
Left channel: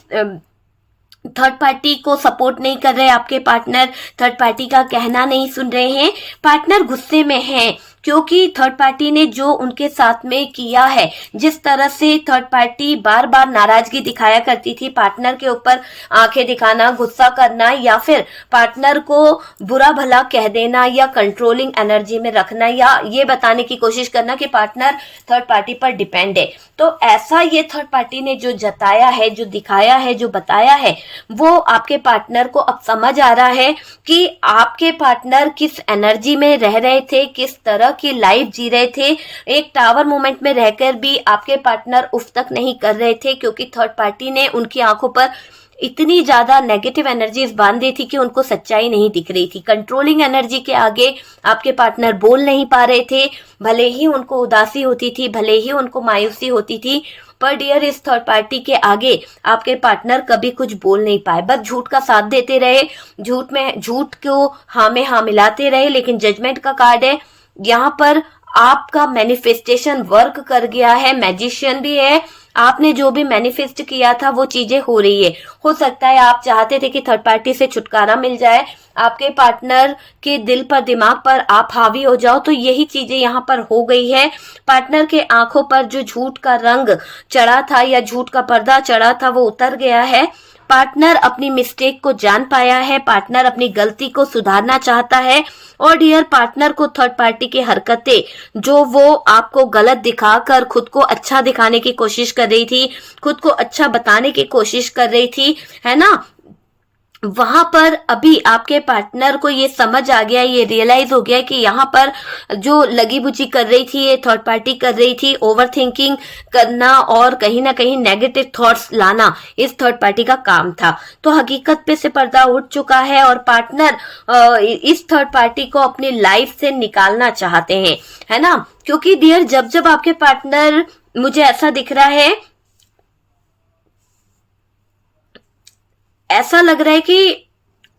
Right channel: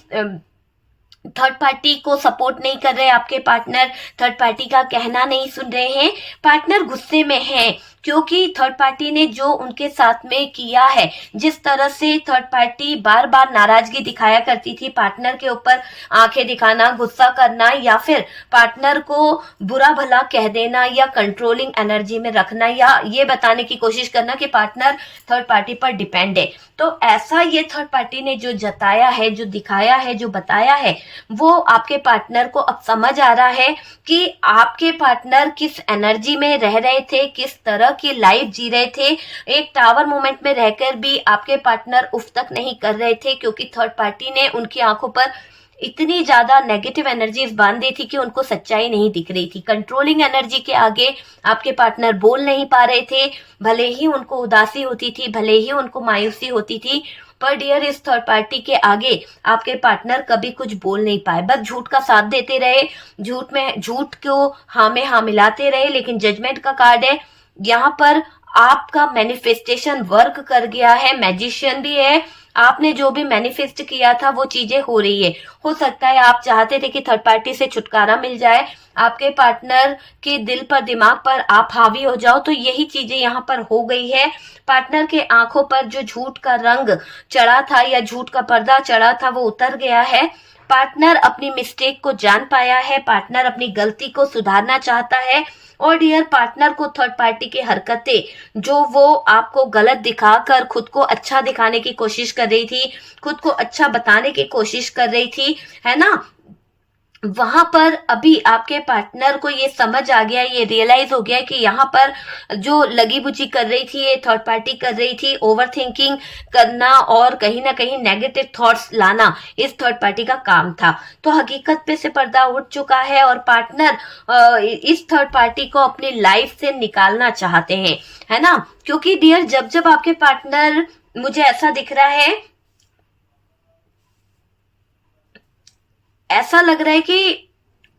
थर्ड पार्टी को सपोर्ट नहीं कर रहे आपके पार्टनर, थर्ड पार्टी का कहना नहीं सुन रहे हैं, पार्टनर गुस्से में हैं क्योंकि थर्ड पार्टी ने जो उनके साथ में किया है, जिस तरह से थर्ड पार्टी बार बार नाराजगी दिखाया करती थी, पार्टनर के ऊपर आंखें दिखाना, गुस्सा करना या फिर पार्टनर को बुरा भला कह देना या कंट्रोलिंग एनर्जी में रखना या ये बताने की कोशिश करना कि पार्टनर थर्ड पार्टी पर डिपेंड है। तो ऐसा ये थर्ड पार्टी ने जो जताया है, जो दिखाया है, जो बताया है, वो आपके पार्टनर को अब समझ आ रहा है कि आपके पार्टनर किस एनर्जी में रह रहे थे, किस तरह की लाइफ जी रहे थे। एक टावर मोमेंट में रहकर भी आपके पार्टनर उफ तक नहीं कर रहे थे क्योंकि थर्ड पार्टी ने उनकी आंखों पर इतनी ज्यादा नेगेटिव एनर्जीज बांध दी थी कि उनको सच्चाई नहीं दिख रही थी। कंट्रोलिंग एनर्जी के आगे आपके पार्टनर बोल नहीं पा रहे थे, भले ही उनको उदासी होती थी, भले ही उनको मायूसी होती थी, पर डियर इस थर्ड पार्टी के आगे आपके पार्टनर कभी कुछ बोल नहीं पाए, बस झूठ का साथ देते रहे, झूठ को हाँ में हाँ मिलाते रहे। लेकिन जजमेंट का कार्ड है यहाँ पर, आपका मैनिफेस्टेशन वर्क कर गया है, मैजिशियन भी है, आपने जो भी मैनिफेस्ट किया था वो चीजें हो रही है। हो सकता है आप चाहते थे कि थर्ड पार्टी से छुटकारा मिल जाए, आपके पार्टनर के दिल पर दिमाग पर आप हावी हो जाओ, तो यही चीजें यहाँ पर हो गई है। पार्टनर के आंखों पर जो झूठ का रंग चढ़ा था या झूठ का पर्दा चढ़ा था वो उतर गया है। पार्टनर अपनी मिस्टेक को जान पाया है, पार्टनर अपनी गलती को सुधारना चाहता है और डियर पार्टनर को थर्ड पार्टी की हरकतें जो वो आपको गलत दिखाकर खुद को अच्छा दिखाने की कोशिश कर रही थी, खुद को अच्छा बताने की कोशिश कर रही थी, है ना, वहां पर अभी आपके पार्टनर को ये समझ आ गया, ये रियलाइज हो गया कि यहाँ पर जो लगी बुची कर रही थी ये थर्ड पार्टी कर रही थी, ओवर थिंकिंग करना और कहीं ना कहीं नेगेटिव थॉट्स लाना इस थर्ड पार्टी का काम था। तो हकीकत पे से पर्दा उठ चुका है और पार्टनर इस थर्ड पार्टी को अपनी लाइफ से निकालना चाहते हैं, है ना, क्योंकि डियर जब जब आपके पार्टनर, मुझे ऐसा दिख रहा है, ऐसा लग रहा है कि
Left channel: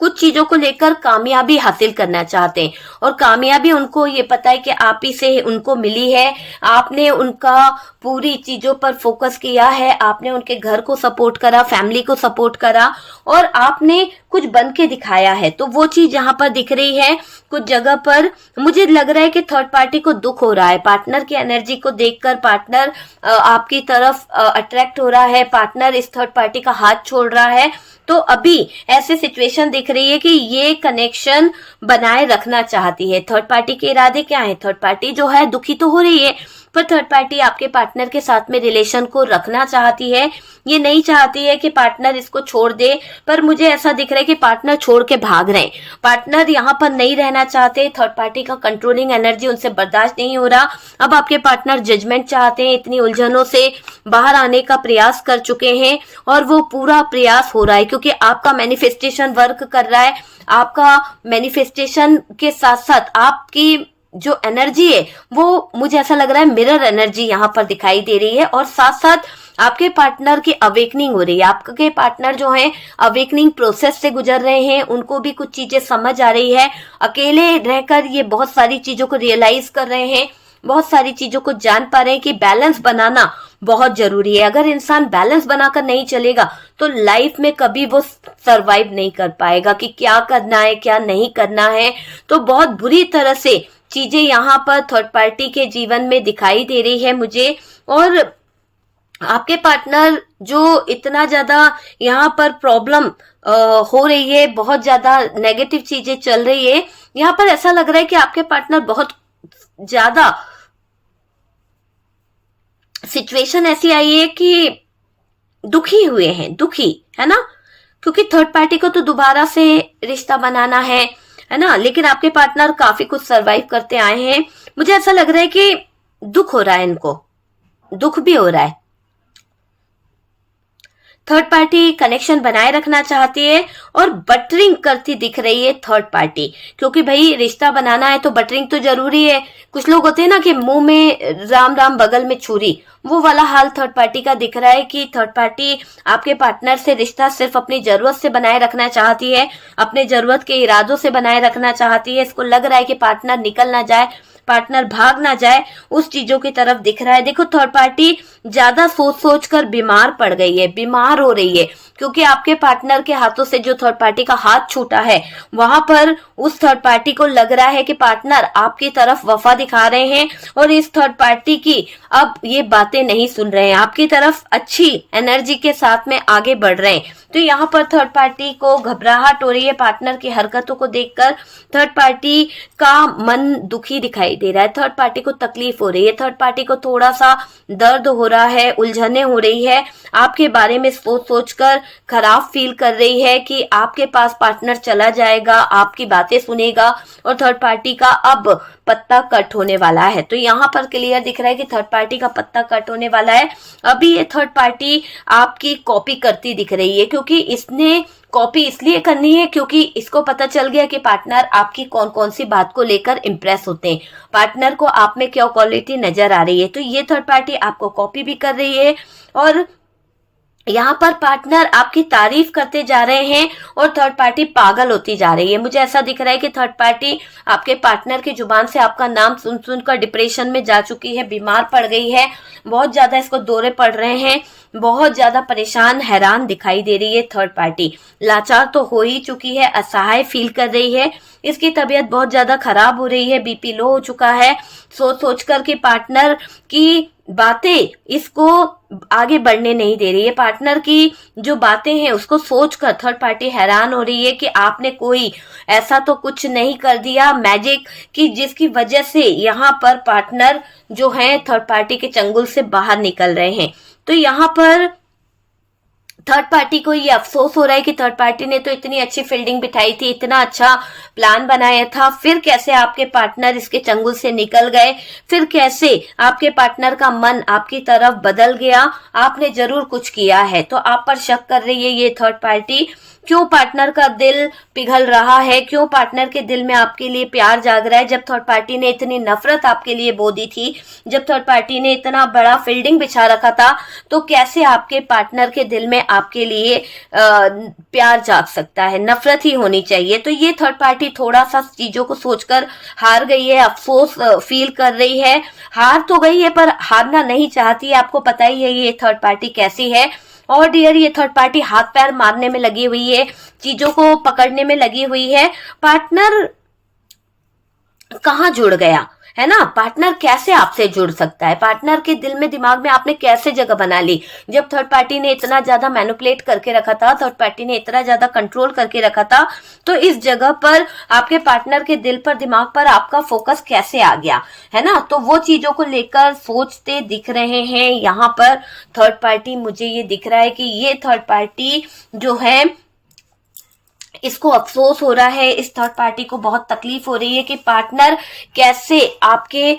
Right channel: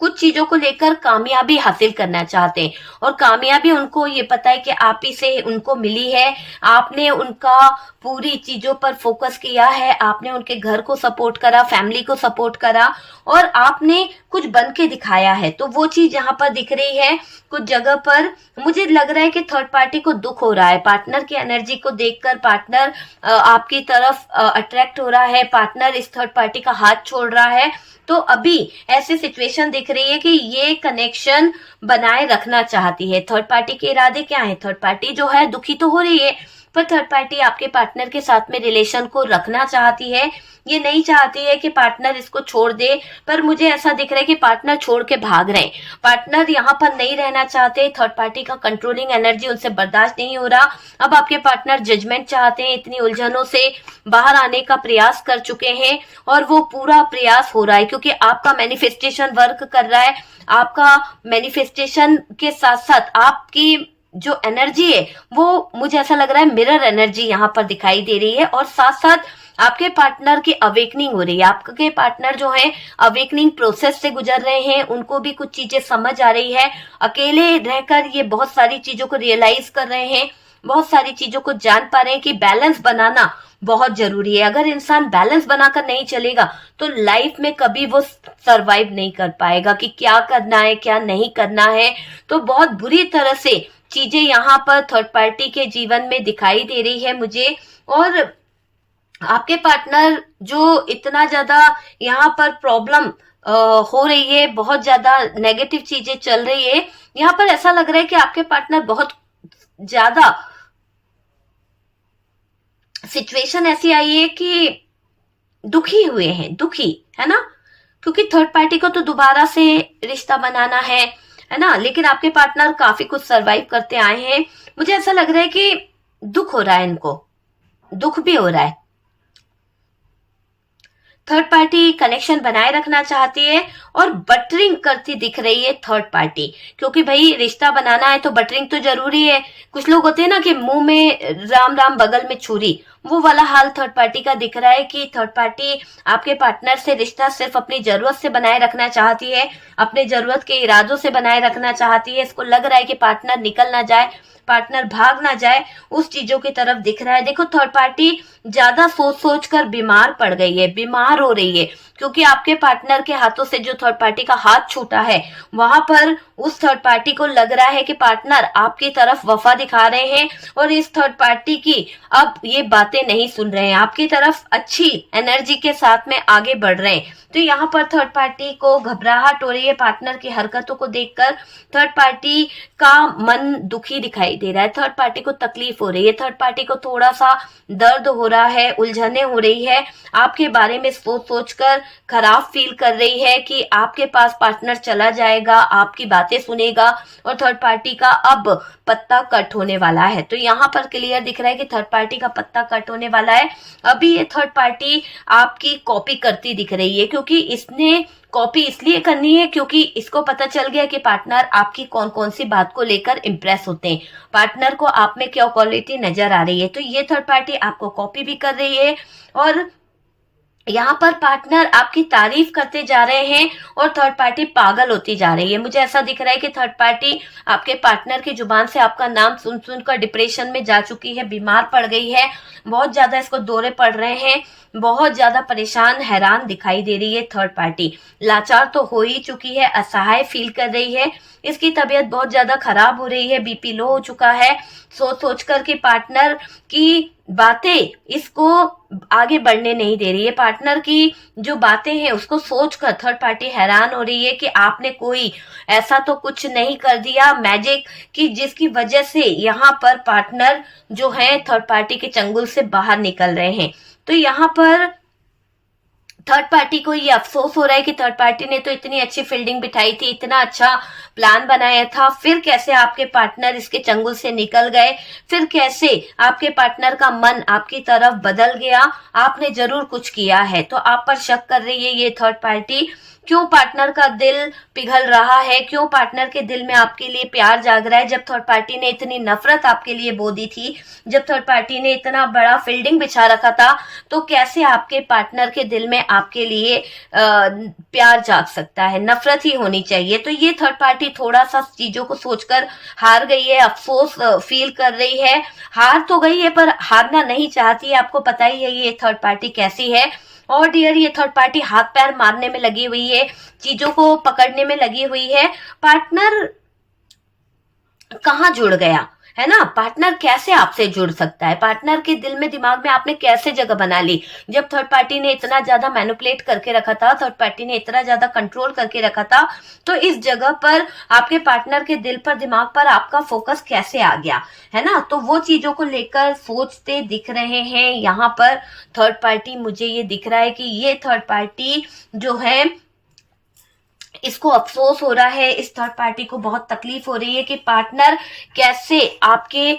कुछ चीजों को लेकर कामयाबी हासिल करना चाहते हैं और कामयाबी उनको ये पता है कि आप ही से उनको मिली है, आपने उनका पूरी चीजों पर फोकस किया है, आपने उनके घर को सपोर्ट करा, फैमिली को सपोर्ट करा और आपने कुछ बन के दिखाया है। तो वो चीज यहाँ पर दिख रही है। कुछ जगह पर मुझे लग रहा है कि थर्ड पार्टी को दुख हो रहा है, पार्टनर की एनर्जी को देखकर पार्टनर आपकी तरफ अट्रैक्ट हो रहा है, पार्टनर इस थर्ड पार्टी का हाथ छोड़ रहा है। तो अभी ऐसे सिचुएशन दिख रही है कि ये कनेक्शन बनाए रखना चाहती है। थर्ड पार्टी के इरादे क्या है, थर्ड पार्टी जो है दुखी तो हो रही है पर थर्ड पार्टी आपके पार्टनर के साथ में रिलेशन को रखना चाहती है, ये नहीं चाहती है कि पार्टनर इसको छोड़ दे। पर मुझे ऐसा दिख रहा है कि पार्टनर छोड़ के भाग रहे हैं, पार्टनर यहाँ पर नहीं रहना चाहते, थर्ड पार्टी का कंट्रोलिंग एनर्जी उनसे बर्दाश्त नहीं हो रहा। अब आपके पार्टनर जजमेंट चाहते हैं, इतनी उलझनों से बाहर आने का प्रयास कर चुके हैं और वो पूरा प्रयास हो रहा है क्योंकि आपका मैनिफेस्टेशन वर्क कर रहा है। आपका मैनिफेस्टेशन के साथ साथ आपकी जो एनर्जी है वो मुझे ऐसा लग रहा है मिरर एनर्जी यहाँ पर दिखाई दे रही है और साथ साथ आपके पार्टनर की अवेकनिंग हो रही है। आपके पार्टनर जो है अवेकनिंग प्रोसेस से गुजर रहे हैं, उनको भी कुछ चीजें समझ आ रही है, अकेले रहकर ये बहुत सारी चीजों को रियलाइज कर रहे हैं, बहुत सारी चीजों को जान पा रहे हैं कि बैलेंस बनाना बहुत जरूरी है। अगर इंसान बैलेंस बनाकर नहीं चलेगा तो लाइफ में कभी वो सरवाइव नहीं कर पाएगा कि क्या करना है क्या नहीं करना है। तो बहुत बुरी तरह से चीजें यहाँ पर थर्ड पार्टी के जीवन में दिखाई दे रही है मुझे। और आपके पार्टनर जो इतना ज्यादा यहाँ पर प्रॉब्लम हो रही है, बहुत ज्यादा नेगेटिव चीजें चल रही है, यहाँ पर ऐसा लग रहा है कि आपके पार्टनर बहुत ज्यादा सिचुएशन ऐसी आई है कि दुखी हुए हैं, दुखी है ना, क्योंकि थर्ड पार्टी को तो दोबारा से रिश्ता बनाना है ना, लेकिन आपके पार्टनर काफी कुछ सरवाइव करते आए हैं। मुझे ऐसा लग रहा है कि दुख हो रहा है, इनको दुख भी हो रहा है। थर्ड पार्टी कनेक्शन बनाए रखना चाहती है और बटरिंग करती दिख रही है थर्ड पार्टी, क्योंकि भाई रिश्ता बनाना है तो बटरिंग तो जरूरी है। कुछ लोग होते हैं ना कि मुंह में राम राम बगल में छुरी, वो वाला हाल थर्ड पार्टी का दिख रहा है कि थर्ड पार्टी आपके पार्टनर से रिश्ता सिर्फ अपनी जरूरत से बनाए रखना चाहती है, अपने जरूरत के इरादों से बनाए रखना चाहती है। इसको लग रहा है कि पार्टनर निकल ना जाए, पार्टनर भाग ना जाए, उस चीजों की तरफ दिख रहा है। देखो थर्ड पार्टी ज्यादा सोच सोच कर बीमार पड़ गई है, बीमार हो रही है, क्योंकि आपके पार्टनर के हाथों से जो थर्ड पार्टी का हाथ छूटा है, वहां पर उस थर्ड पार्टी को लग रहा है कि पार्टनर आपकी तरफ वफा दिखा रहे हैं और इस थर्ड पार्टी की अब ये बातें नहीं सुन रहे हैं, आपकी तरफ अच्छी एनर्जी के साथ में आगे बढ़ रहे हैं। तो यहाँ पर थर्ड पार्टी को घबराहट हो रही है पार्टनर की हरकतों को देखकर। थर्ड पार्टी का मन दुखी दिखाई दे रहा है, थर्ड पार्टी को तकलीफ हो रही है, थर्ड पार्टी को थोड़ा सा दर्द हो रहा है, उलझने हो रही है, आपके बारे में सोच सोच कर खराब फील कर रही है कि आपके पास पार्टनर चला जाएगा, आपकी बातें सुनेगा और थर्ड पार्टी का अब पत्ता कट होने वाला है। तो यहाँ पर क्लियर दिख रहा है कि थर्ड पार्टी का पत्ता कट होने वाला है। अभी ये थर्ड पार्टी आपकी कॉपी करती दिख रही है, क्योंकि इसने कॉपी इसलिए करनी है क्योंकि इसको पता चल गया कि पार्टनर आपकी कौन कौन सी बात को लेकर इम्प्रेस होते हैं, पार्टनर को आप में क्या क्वालिटी नजर आ रही है। तो ये थर्ड पार्टी आपको कॉपी भी कर रही है और यहाँ पर पार्टनर आपकी तारीफ करते जा रहे हैं और थर्ड पार्टी पागल होती जा रही है। मुझे ऐसा दिख रहा है कि थर्ड पार्टी आपके पार्टनर की जुबान से आपका नाम सुन सुनकर डिप्रेशन में जा चुकी है, बीमार पड़ गई है, बहुत ज्यादा इसको दौरे पड़ रहे हैं, बहुत ज्यादा परेशान हैरान दिखाई दे रही है। थर्ड पार्टी लाचार तो हो ही चुकी है, असहाय फील कर रही है, इसकी तबीयत बहुत ज्यादा खराब हो रही है, बीपी लो हो चुका है, सोच सोच कर कि पार्टनर की बातें इसको आगे बढ़ने नहीं दे रही है। पार्टनर की जो बातें हैं उसको सोचकर थर्ड पार्टी हैरान हो रही है कि आपने कोई ऐसा तो कुछ नहीं कर दिया मैजिक कि जिसकी वजह से यहाँ पर पार्टनर जो है थर्ड पार्टी के चंगुल से बाहर निकल रहे हैं। तो यहाँ पर थर्ड पार्टी को ये अफसोस हो रहा है कि थर्ड पार्टी ने तो इतनी अच्छी फील्डिंग बिठाई थी, इतना अच्छा प्लान बनाया था, फिर कैसे आपके पार्टनर इसके चंगुल से निकल गए, फिर कैसे आपके पार्टनर का मन आपकी तरफ बदल गया, आपने जरूर कुछ किया है। तो आप पर शक कर रही है ये थर्ड पार्टी। क्यों पार्टनर का दिल पिघल रहा है, क्यों पार्टनर के दिल में आपके लिए प्यार जाग रहा है, जब थर्ड पार्टी ने इतनी नफरत आपके लिए बो दी थी, जब थर्ड पार्टी ने इतना बड़ा फील्डिंग बिछा रखा था, तो कैसे आपके पार्टनर के दिल में आपके लिए प्यार जाग सकता है, नफरत ही होनी चाहिए। तो ये थर्ड पार्टी थोड़ा सा चीजों को सोचकर हार गई है, अफसोस फील कर रही है, हार तो गई है पर हारना नहीं चाहती है। आपको पता ही है ये थर्ड पार्टी कैसी है। और डियर ये थर्ड पार्टी हाथ पैर मारने में लगी हुई है, चीजों को पकड़ने में लगी हुई है। पार्टनर कहाँ जुड़ गया है ना, पार्टनर कैसे आपसे जुड़ सकता है, पार्टनर के दिल में दिमाग में आपने कैसे जगह बना ली। जब थर्ड पार्टी ने इतना ज्यादा मैनिपुलेट करके रखा था, थर्ड पार्टी ने इतना ज्यादा कंट्रोल करके रखा था, तो इस जगह पर आपके पार्टनर के दिल पर दिमाग पर आपका फोकस कैसे आ गया है ना। तो वो चीजों को लेकर सोचते दिख रहे हैं यहाँ पर थर्ड पार्टी। मुझे ये दिख रहा है कि ये थर्ड पार्टी जो है इसको अफसोस हो रहा है, इस थर्ड पार्टी को बहुत तकलीफ हो रही है कि पार्टनर कैसे आपके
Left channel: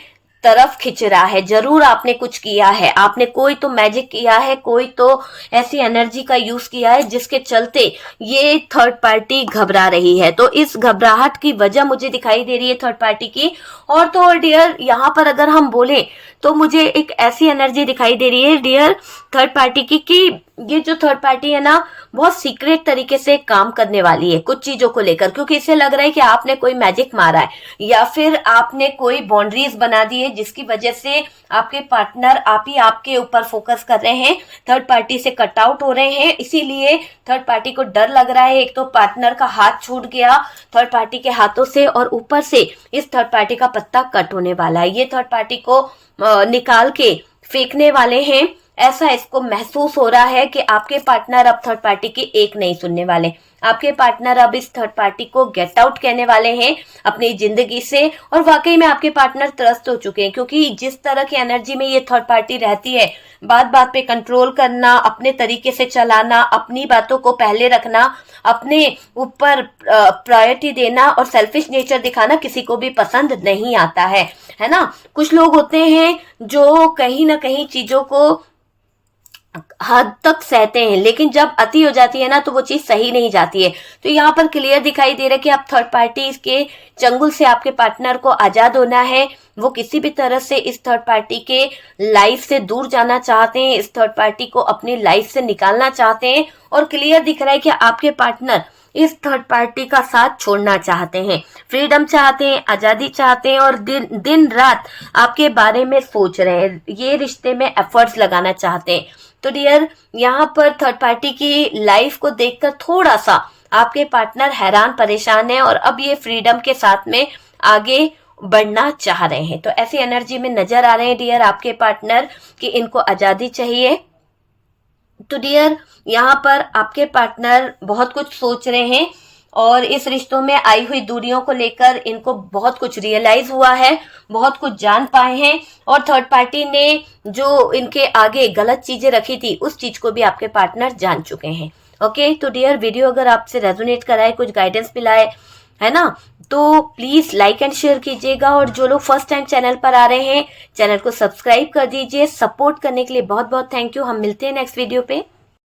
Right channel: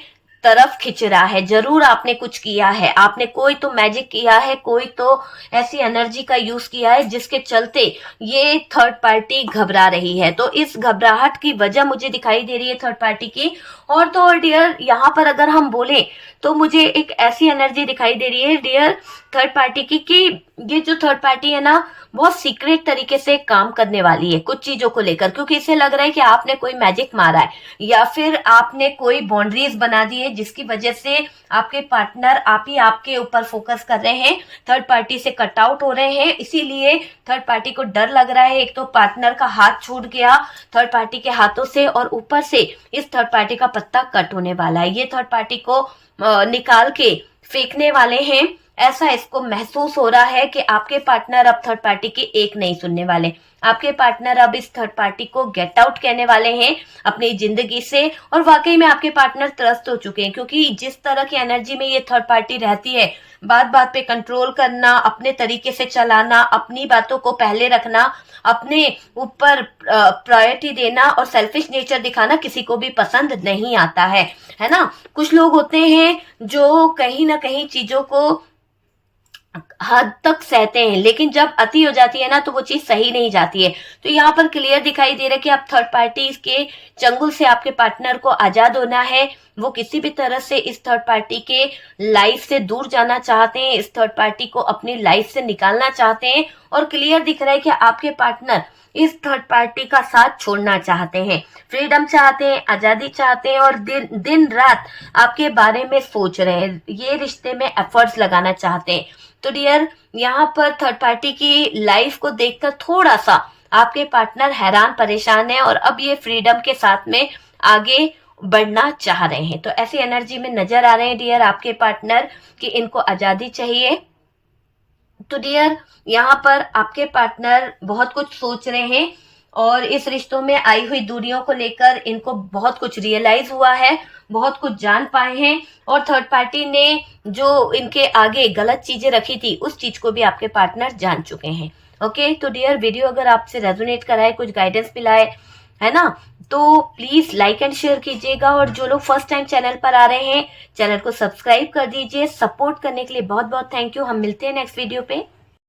तरफ खिंच रहा है। जरूर आपने कुछ किया है, आपने कोई तो मैजिक किया है, कोई तो ऐसी एनर्जी का यूज किया है जिसके चलते ये थर्ड पार्टी घबरा रही है। तो इस घबराहट की वजह मुझे दिखाई दे रही है थर्ड पार्टी की। और तो और डियर यहाँ पर अगर हम बोले तो मुझे एक ऐसी एनर्जी दिखाई दे रही है डियर थर्ड पार्टी की कि ये जो थर्ड पार्टी है ना बहुत सीक्रेट तरीके से काम करने वाली है कुछ चीजों को लेकर, क्योंकि इसे लग रहा है कि आपने कोई मैजिक मारा है या फिर आपने कोई बाउंड्रीज बना दी है जिसकी वजह से आपके पार्टनर आप ही आपके ऊपर फोकस कर रहे हैं, थर्ड पार्टी से कट आउट हो रहे हैं। इसीलिए थर्ड पार्टी को डर लग रहा है, एक तो पार्टनर का हाथ छूट गया थर्ड पार्टी के हाथों से और ऊपर से इस थर्ड पार्टी का पत्ता कट होने वाला है, ये थर्ड पार्टी को निकाल के फेंकने वाले हैं। ऐसा इसको महसूस हो रहा है कि आपके पार्टनर अब थर्ड पार्टी की एक नहीं सुनने वाले, आपके पार्टनर अब इस थर्ड पार्टी को गेट आउट कहने वाले हैं अपनी जिंदगी से। और वाकई में आपके पार्टनर त्रस्त हो चुके हैं, क्योंकि जिस तरह की एनर्जी में ये थर्ड पार्टी रहती है, बात बात पे कंट्रोल करना, अपने तरीके से चलाना, अपनी बातों को पहले रखना, अपने ऊपर प्रायोरिटी देना और सेल्फिश नेचर दिखाना किसी को भी पसंद नहीं आता है ना। कुछ लोग होते हैं जो कहीं ना कहीं चीजों को हद तक सहते हैं, लेकिन जब अति हो जाती है ना तो वो चीज सही नहीं जाती है। तो यहाँ पर क्लियर दिखाई दे रहा है कि आप थर्ड पार्टी के चंगुल से आपके पार्टनर को आजाद होना है। वो किसी भी तरह से इस थर्ड पार्टी के लाइफ से दूर जाना चाहते हैं, इस थर्ड पार्टी को अपनी लाइफ से निकालना चाहते हैं। और क्लियर दिख रहा है कि आपके पार्टनर इस थर्ड पार्टी का साथ छोड़ना चाहते हैं, फ्रीडम चाहते हैं, आजादी चाहते हैं, और दिन दिन रात आपके बारे में सोच रहे हैं, ये रिश्ते में एफर्ट्स लगाना चाहते हैं। तो डियर, यहाँ पर थर्ड पार्टी की लाइफ को देखकर थोड़ा सा आपके पार्टनर हैरान परेशान है, और अब ये फ्रीडम के साथ में आगे बढ़ना चाह रहे हैं। तो ऐसी एनर्जी में नजर आ रहे हैं डियर आपके पार्टनर कि इनको आजादी चाहिए। तो डियर, यहाँ पर आपके पार्टनर बहुत कुछ सोच रहे हैं, और इस रिश्तों में आई हुई दूरियों को लेकर इनको बहुत कुछ रियलाइज हुआ है, बहुत कुछ जान पाए हैं। और थर्ड पार्टी ने जो इनके आगे गलत चीजें रखी थी उस चीज को भी आपके पार्टनर जान चुके हैं। ओके, तो डियर, वीडियो अगर आपसे रेजोनेट कराए, कुछ गाइडेंस मिलाए, है ना, तो प्लीज लाइक एंड शेयर कीजिएगा। और जो लोग फर्स्ट टाइम चैनल पर आ रहे हैं, चैनल को सब्सक्राइब कर दीजिए। सपोर्ट करने के लिए बहुत बहुत थैंक यू। हम मिलते हैं नेक्स्ट वीडियो पे।